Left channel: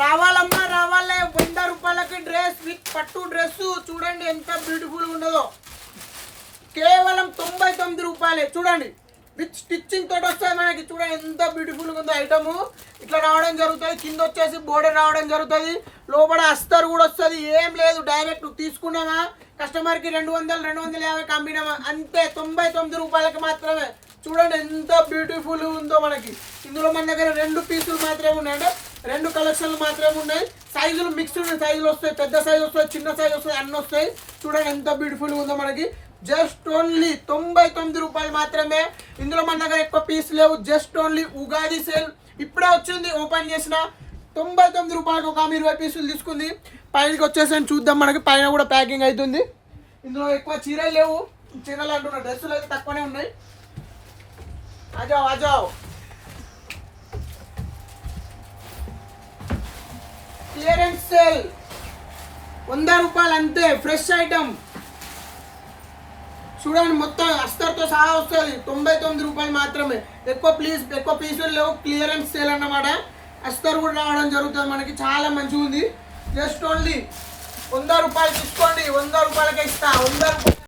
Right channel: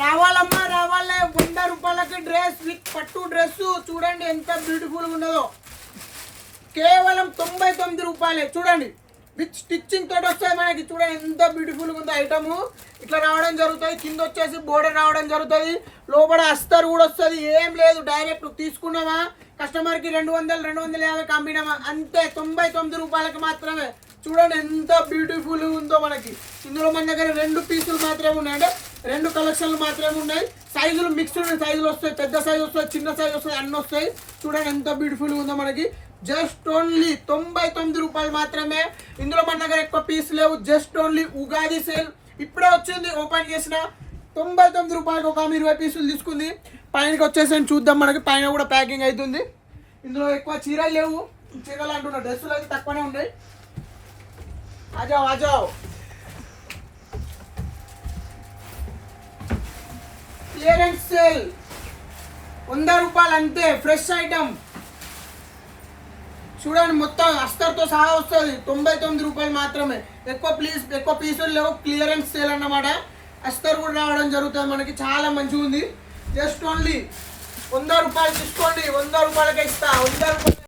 రావాలమ్మా రావాలే 100 రూపాయలకి dress with పట్టు డ్రెస్ చూడండి ఎంత బ్యూటిఫుల్ ఉన్నదో. కేవలం 99 రూపాయలే. చూడండి విత్ స్టిచ్చింగ్ తోటి వస్తుంది మనకి. చూడండి ఎంత బ్యూటిఫుల్గా ఉందో ఐటమ్. ఇట్లా రావడం జరుగుతుంది. కింద వచ్చేసి బోర్డర్ రావడం జరుగుతుంది. లోపల అస్తర్ కూడా వస్తుంది. ఏం లేదు, డైరెక్ట్ తీసుకున్నామా కస్టమర్కి 200 250 అమ్మినామా అంతే. 99 రూపాయలకి మాత్రమే. చూడండి ఎంత బ్యూటిఫుల్ ఉందో మనకి. ఇందులో మన దగ్గర 2 పీసులు మాత్రమే ఉన్నాయి, అంటే 2 కలెక్షన్లు మాత్రమే ఉన్నాయి. సైజులు మిక్స్డ్ సైజులు వస్తాయి, పెద్ద సైజు వస్తాయి, చిన్న సైజు వస్తాయి, అన్నీ వస్తాయి. చూడండి ఎంత బ్యూటిఫుల్ ఉందో మనకి. జస్ట్ ఓన్లీ 99 రూపాయలు మాత్రమే. ఇందులో మన దగ్గర ఎక్కువ పీస్ లేవు. జస్ట్ ఓన్లీ ఉగాది సేల్ ఇప్పుడే వచ్చింది, ఓపెన్ చేసిన 99 రూపాయలకు ఒక 20 పీసులు తీసుకుంది. పైనకి వచ్చేసి చూద్దాం. మనకి పైన కూడా ప్యాకింగ్ అవుతుంది. ఇందులో ఎక్కువ చీరలు లేవు, చీరలు అంటున్నా, డ్రెస్సులు అయితే తక్కువనే ఉన్నాయి. ఆజావ్ ఆజావ్. క్లియరెన్స్ సేల్ 100 రూపాయలు అంతే. ఫ్రెష్ ఐటమ్ చూడండి, మొత్తం అస్తర్తో సహా వస్తుంది. 99 రూపాయలు మాత్రమే. ఎక్కువ పీసులు లేవు. క్లియరెన్స్ సేల్ అన్నమాట. అస్తర్ కూడా రావడం జరుగుతుంది మనకి. చాలా మంచిగా ఉంది. జస్ట్ ఓన్లీ 100 రూపాయలు తీసుకోండి. 100 రూపాయలకే ఇస్తా. 100 రూపాయలు.